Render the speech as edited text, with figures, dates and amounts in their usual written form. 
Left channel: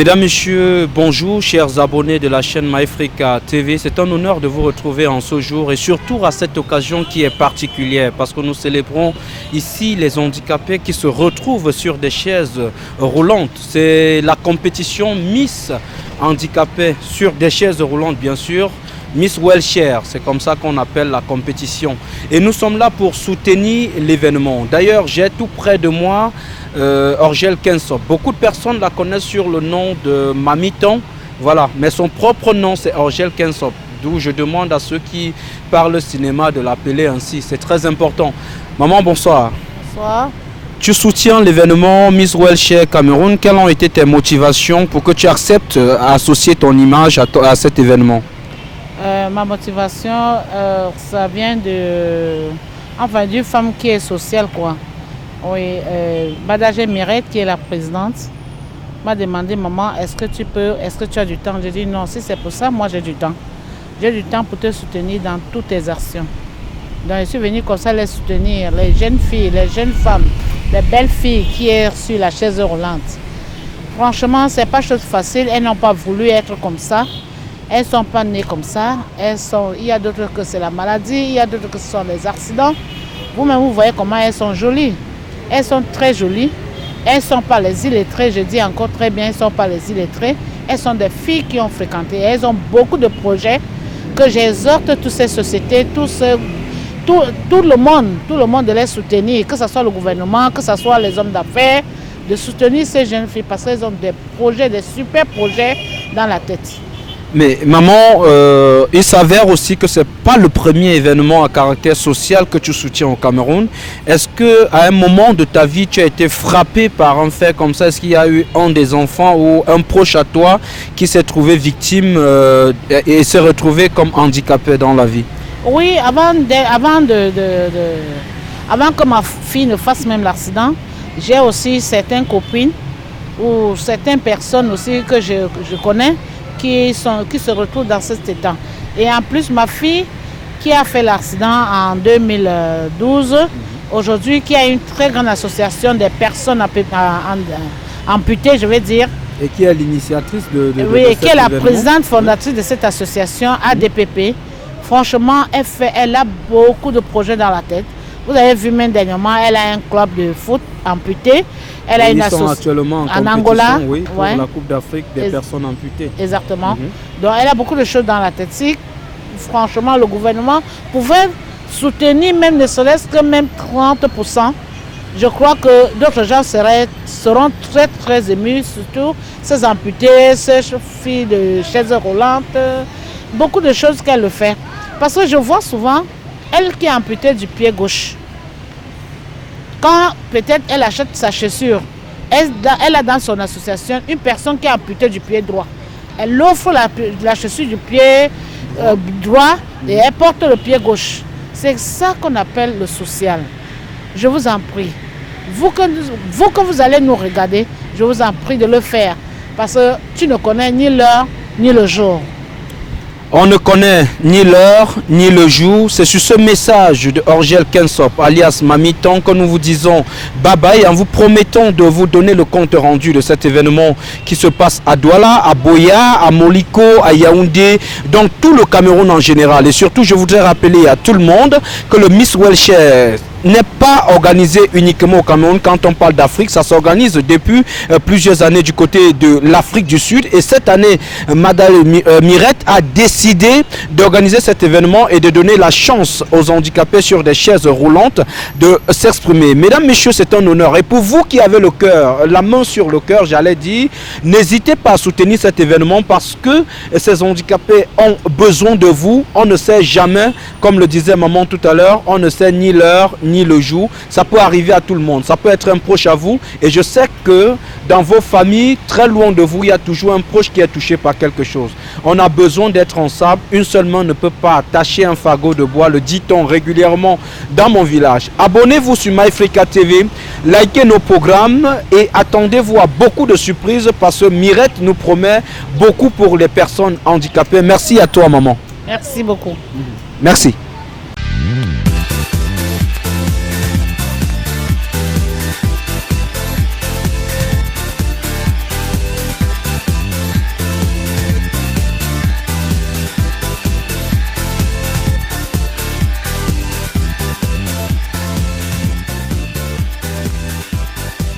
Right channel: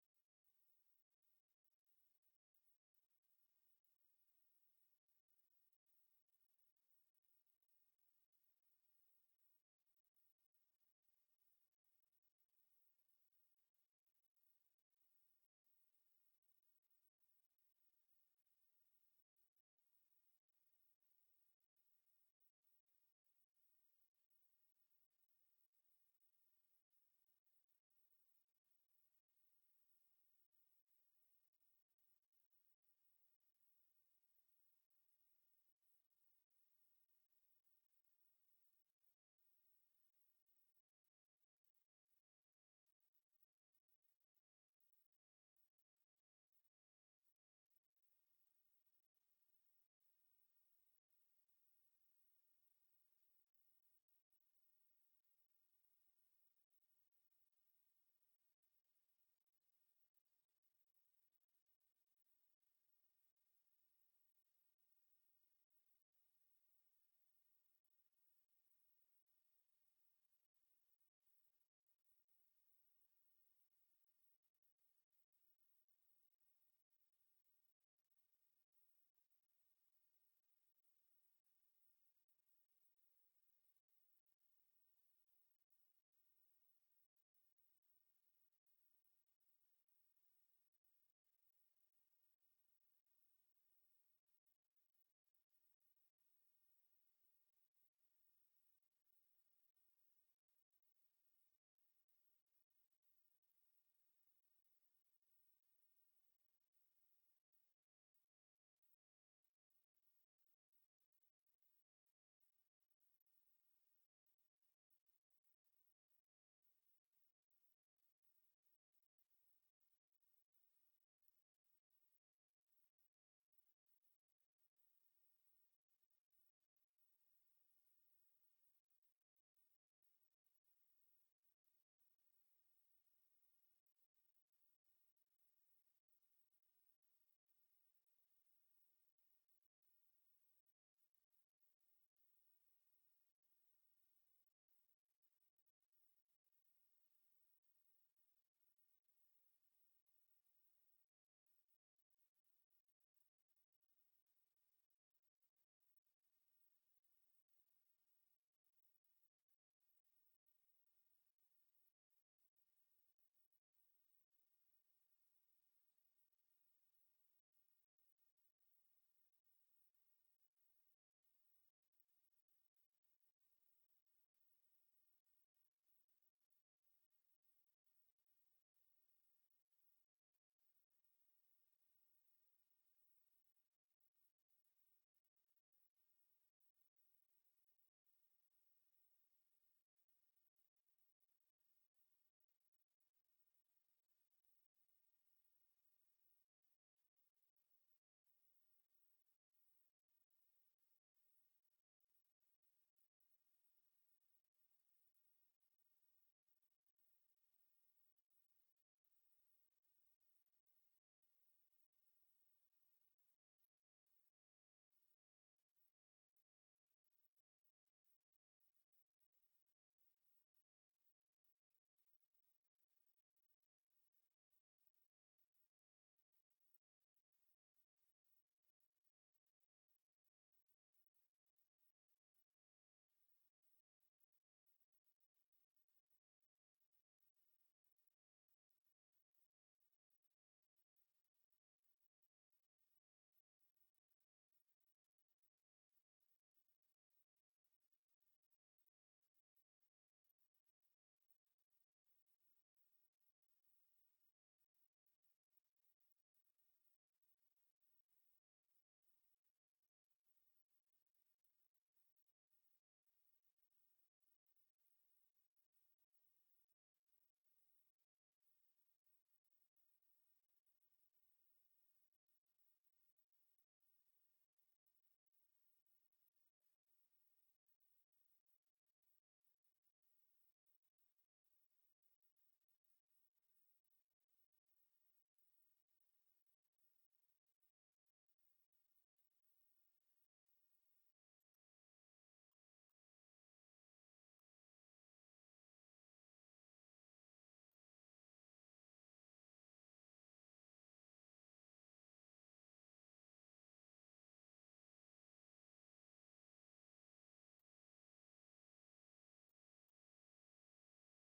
Mesdames, Messieurs, bonjour, chers abonnés de la chaîne MyAfrica TV. C'est un honneur de vous retrouver en ce jour et surtout à cette occasion qui est particulière parce que nous célébrons ici les handicapés qui se retrouvent sur des chaises roulantes. C'est la compétition Miss Handicapés sur des chaises roulantes, bien sûr. Miss Wheelchair, c'est comme ça qu'on appelle la compétition. Et nous sommes là pour soutenir l'événement. D'ailleurs, j'ai tout près de moi Orgel Kensop. Beaucoup de personnes la connaissent sur le nom de Mamiton, voilà. Mais son propre nom, c'est Orgel Kensop. D'où je demande à ceux qui parlent cinéma de l'appeler ainsi. C'est très important. Maman, bonsoir. Bonsoir. Tu soutiens l'événement Miss Wheelchair Cameroun. Quelles ont été tes motivations pour que tu acceptes associer ton image à cet événement? Ma motivation, ça vient d'une femme qui est sociale, quoi. Oui, Badagé Mirette, qui est la présidente, m'a demandé, maman, est-ce que tu as du temps? J'ai dit non, si c'est pour ça, moi j'ai du temps. J'ai du temps pour te soutenir dans toutes tes actions. Donc je suis venue comme ça les soutenir, les jeunes filles, les jeunes femmes, les belles filles qui sont sur la chaise roulante. Franchement, ce n'est pas chose facile, elles n'ont pas voulu être comme ça. Elles ne sont pas nées comme ça. Il y a d'autres que c'est la maladie, il y a d'autres que ce sont les accidents. Vous-même, vous voyez comment elles sont jolies. Elles sont très jolies. Elles ne sont pas les illettrées, je dis encore très bien, elles ne sont pas les illettrées. Elles sont des filles qui ont fréquenté. Elles ont beaucoup de projets que j'exhorte toutes ces sociétés, tout le monde de les soutenir, que ce soit le gouvernement, que ce soit les hommes d'affaires, de soutenir ces jeunes filles parce qu'elles ont des projets, des super projets dans la tête. Mais maman, il s'avère aussi que ce n'est pas le premier événement à caractère social que tu soutiens au Cameroun. Est-ce qu'à un moment de ta vie, tu as été frappé par un fait comme ça? Est-ce qu'il y a eu un des enfants ou un proche à toi qui s'est trouvé victime et s'est retrouvé comme handicapé dans la vie? Oui, avant que ma fille ne fasse même l'accident, j'ai aussi certaines copines ou certaines personnes aussi que je connais qui se retrouvent dans cet état. Et en plus, ma fille qui a fait l'accident en 2012, aujourd'hui qui a une très grande association des personnes amputées, je vais dire. Et qui est l'initiatrice de oui, et qui est la présidente fondatrice de cette association ADPP. Franchement, elle a beaucoup de projets dans la tête. Vous avez vu même dernièrement, elle a un club de foot amputé. Elle a une association actuellement en Angola, oui, pour la Coupe d'Afrique des personnes amputées. Exactement. Donc elle a beaucoup de choses dans la tête. Si franchement le gouvernement pouvait soutenir même ne serait-ce que même 30%, je crois que d'autres gens seront très très émus, surtout ces amputés, ces filles de chaises roulantes, beaucoup de choses qu'elle fait. Parce que je vois souvent, elle qui est amputée du pied gauche, quand peut-être elle achète sa chaussure, elle a dans son association une personne qui est amputée du pied droit. Elle offre la chaussure du pied droit et elle porte le pied gauche. C'est ça qu'on appelle le social. Je vous en prie. Vous que vous allez nous regarder, je vous en prie de le faire. Parce que tu ne connais ni l'heure ni le jour. On ne connaît ni l'heure ni le jour. C'est sur ce message de Orgel Kensop, alias Mamiton, que nous vous disons bye bye en vous promettant de vous donner le compte rendu de cet événement qui se passe à Douala, à Boya, à Moliko, à Yaoundé, dans tout le Cameroun en général. Et surtout, je voudrais rappeler à tout le monde que le Miss Wheelchair n'est pas organisé uniquement au Cameroun. Quand on parle d'Afrique, ça s'organise depuis plusieurs années du côté de l'Afrique du Sud. Et cette année, Madame Mirette a décidé d'organiser cet événement et de donner la chance aux handicapés sur des chaises roulantes de s'exprimer. Mesdames, Messieurs, c'est un honneur. Et pour vous qui avez le cœur, la main sur le cœur, j'allais dire, n'hésitez pas à soutenir cet événement parce que ces handicapés ont besoin de vous. On ne sait jamais, comme le disait maman tout à l'heure, on ne sait ni l'heure ni le jour. Ça peut arriver à tout le monde. Ça peut être un proche à vous. Et je sais que dans vos familles, très loin de vous, il y a toujours un proche qui est touché par quelque chose. On a besoin d'être ensemble. Une seule main ne peut pas attacher un fagot de bois. Le dit-on régulièrement dans mon village. Abonnez-vous sur MyAfrica TV. Likez nos programmes et attendez-vous à beaucoup de surprises parce que Mirette nous promet beaucoup pour les personnes handicapées. Merci à toi, maman. Merci beaucoup. Merci.